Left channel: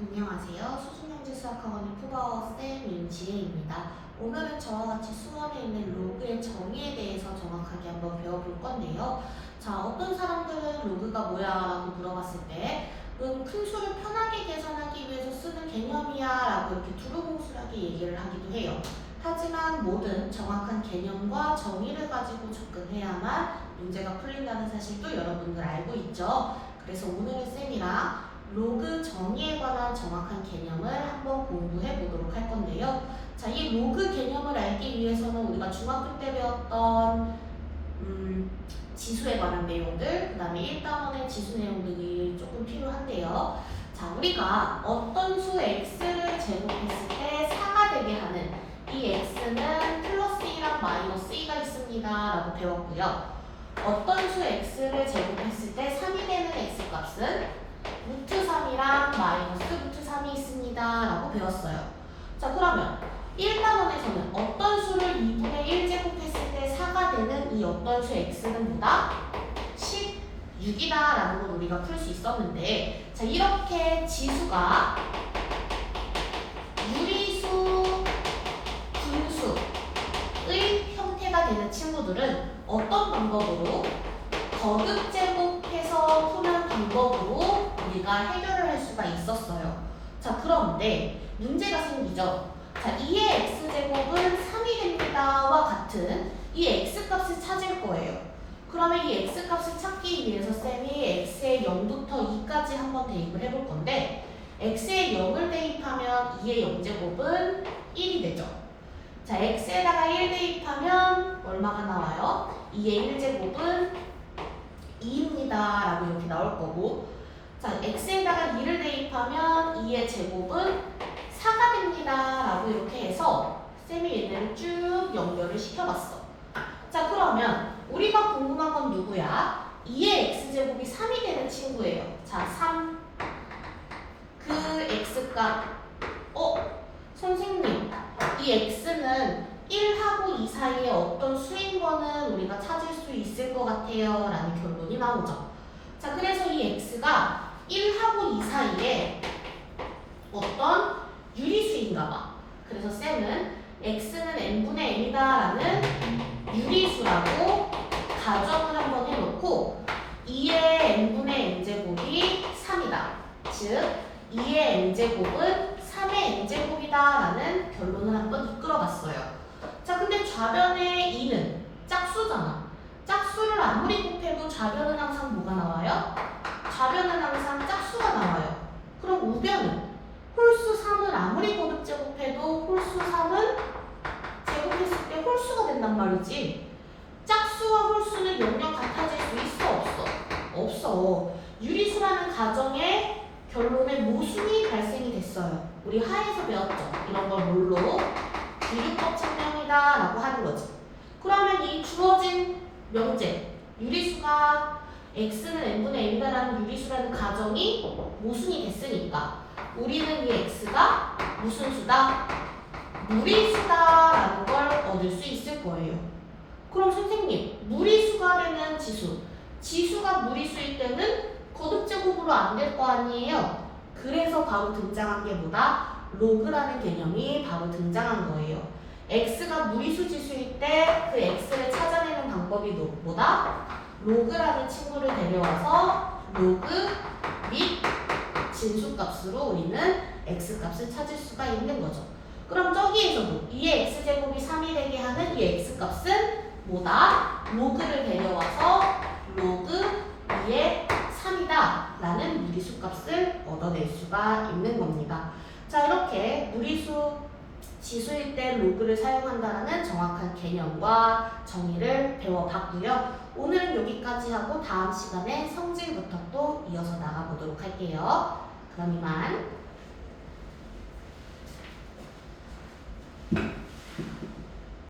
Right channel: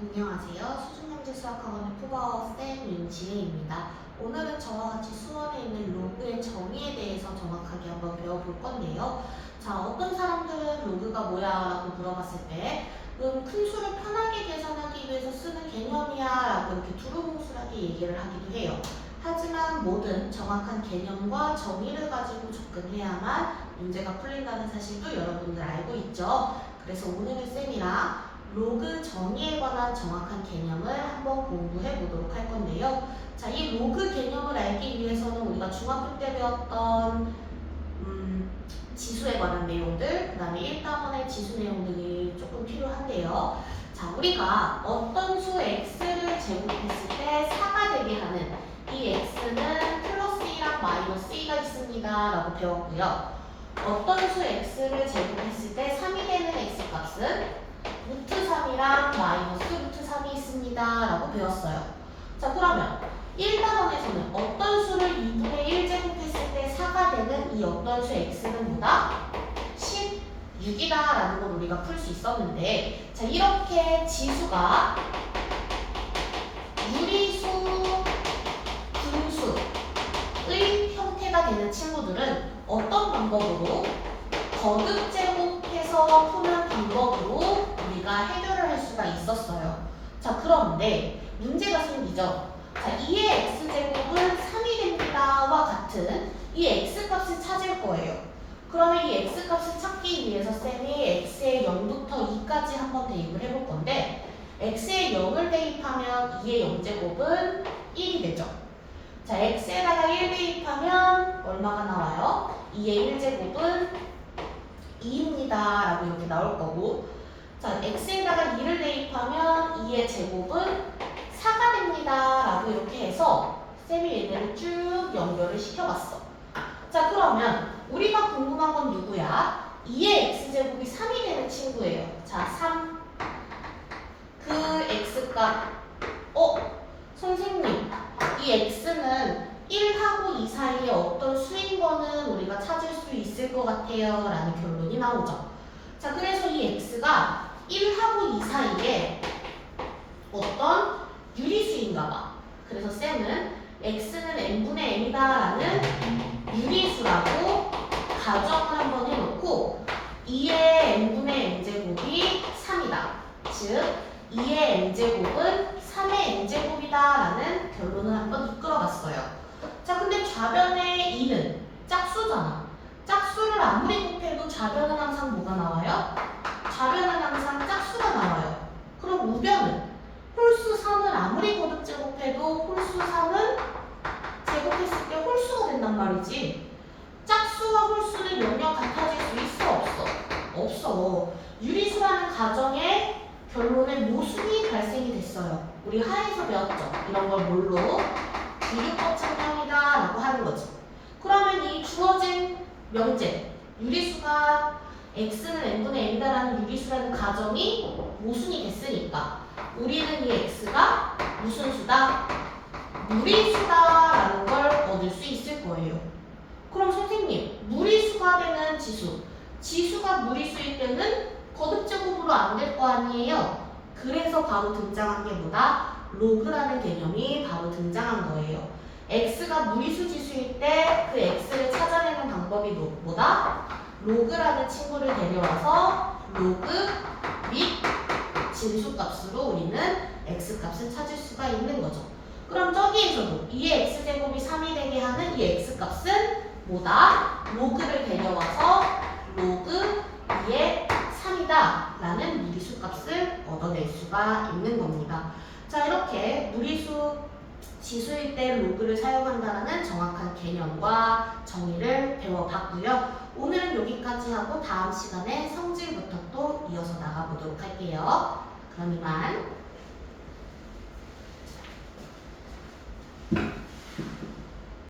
안녕하세요. 수준경제수학학원의 푸바오쌤 윤지혜입니다. 오늘은 저와 같이 수원에 있는 로그의 정의에 대해서 정확하게 한번 배워볼 건데요. 자, 어떤 사람들은 로그가 뭐야? 라고 물어봤을 때 큰 수를 편하게 계산하기 위해서 쓰는 개념이야 라고 이렇게 두루뭉술하게 얘기를 하기도 해요. 하지만 모든 정확한 개념과 정의를 가지고 접근해야만 문제가 풀린다는 사실도 여러분들 알고 있죠? 그래서 오늘은 쌤이랑 로그 정의에 관한 정확한 개념을 한번 공부해 보도록 할 건데요. 자, 이 로그 개념을 알기 위해서는 우리가 중학교 때 배웠던 지수에 관한 내용들, 그 다음에 1단원의 지수 내용 등이 조금 필요한데요. 자, 우리가 어떤 수 x를 제곱했을 때 4가 되게 하는 이 x는 플러스 2랑 마이너스 2가 있습니다 라고 배웠고요. 어떤 수 x를 제곱했을 때 3이 되는 x값은 루트 3이랑 마이너스 루트 3이 있습니다 라고 배웠어요. 자, 그러면 1단원에서는 어떤 수를 2분의 1 제곱했을 때 4가 되는 이 어떤 수 x는 뭐다? 16이다 라는 걸 우리가 풀 수 있었는데, 자, 이렇게 지수가 유리수, 분수의 형태가 되는 친구들은 어떤 방법으로? 거듭 제곱해서 푸는 방법으로 우리가 해결을 할 수가 있었어요. 자, 그런데 문제가 생기죠. 자, 2의 x제곱은 3이 됩니다와 같은 이 x값을 찾을 거예요. 그러면 이 x값을 찾기 위해서 쌤이 x에 0부터 2까지 한번 대입을 해볼 건데, x에 0을 대입하면 2의 0제곱은 1이 되죠. 자, x에다가 1 대입하면 얼마가 나와요? 2의 1제곱은 2입니다 라고 이렇게 나올 거고, 자, x에다가 2를 대입하면 2의 제곱은 4가 됩니다 라고 이렇게 해서 쌤이 얘네를 쭉 연결을 시켜봤어. 자, 그러면 우리가 궁금한 건 누구야? 2의 x제곱이 3이 되는 친구예요. 자, 3. 그 x값, 선생님, 이 x는 1하고 2 사이에 어떤 수인 거는 우리가 찾을 수 있을 것 같아요 라는 결론이 나오죠. 자, 그래서 이 x가 1하고 2 사이에 어떤 유리수인가 봐. 그래서 쌤은 x는 n분의 n이다 라는 유리수라고 가정을 한번 해놓고 2의 n분의 n제곱이 3이다. 즉 2의 n제곱은 3의 n제곱이다 라는 결론을 한번 이끌어봤어요. 자, 근데 좌변의 2는 짝수잖아. 짝수를 아무리 곱해도 좌변은 항상 뭐가 나와요? 좌변은 항상 짝수가 나와요. 그럼 우변은? 홀수 3을 아무리 거듭 제곱해도 홀수 3은 제곱했을 때 홀수가 된단 말이지. 짝수와 홀수는 영영 같아질 수 있어? 없어? 없어. 유리수라는 가정의 결론에 모순이 발생이 됐어요. 우리 하에서 배웠죠? 이런 걸 뭘로? 유리법 증명이다 라고 하는 거지. 그러면 이 주어진 명제, 유리수가 x는 n분의 n이다라는 유리수라는 가정이 모순이 됐으니까 우리는 이 x가 무슨 수다? 무리수다라는 걸 얻을 수 있을 거예요. 그럼 선생님, 무리수가 되는 지수, 지수가 무리수일 때는 거듭제곱으로 안 될 거 아니에요? 그래서 바로 등장한 게 뭐다? 로그라는 개념이 바로 등장한 거예요. x가 무리수 지수일 때 그 x를 찾아내는 방법이 뭐다? 로그라는 친구를 데려와서 로그 및 진수값으로 우리는 x값을 찾을 수가 있는 거죠. 그럼 저기에서도 2의 x제곱이 3이 되게 하는 이 x값은 뭐다? 로그를 데려와서 로그 2의 3이다 라는 무리수값을 얻어낼 수가 있는 겁니다. 자, 이렇게 무리수 지수일 때 로그를 사용한다는 정확한 개념과 정의를 배워봤고요. 오늘은 여기까지 하고 다음 시간에 성질부터 또 이어서 나가보도록 할게요. 그럼 이만.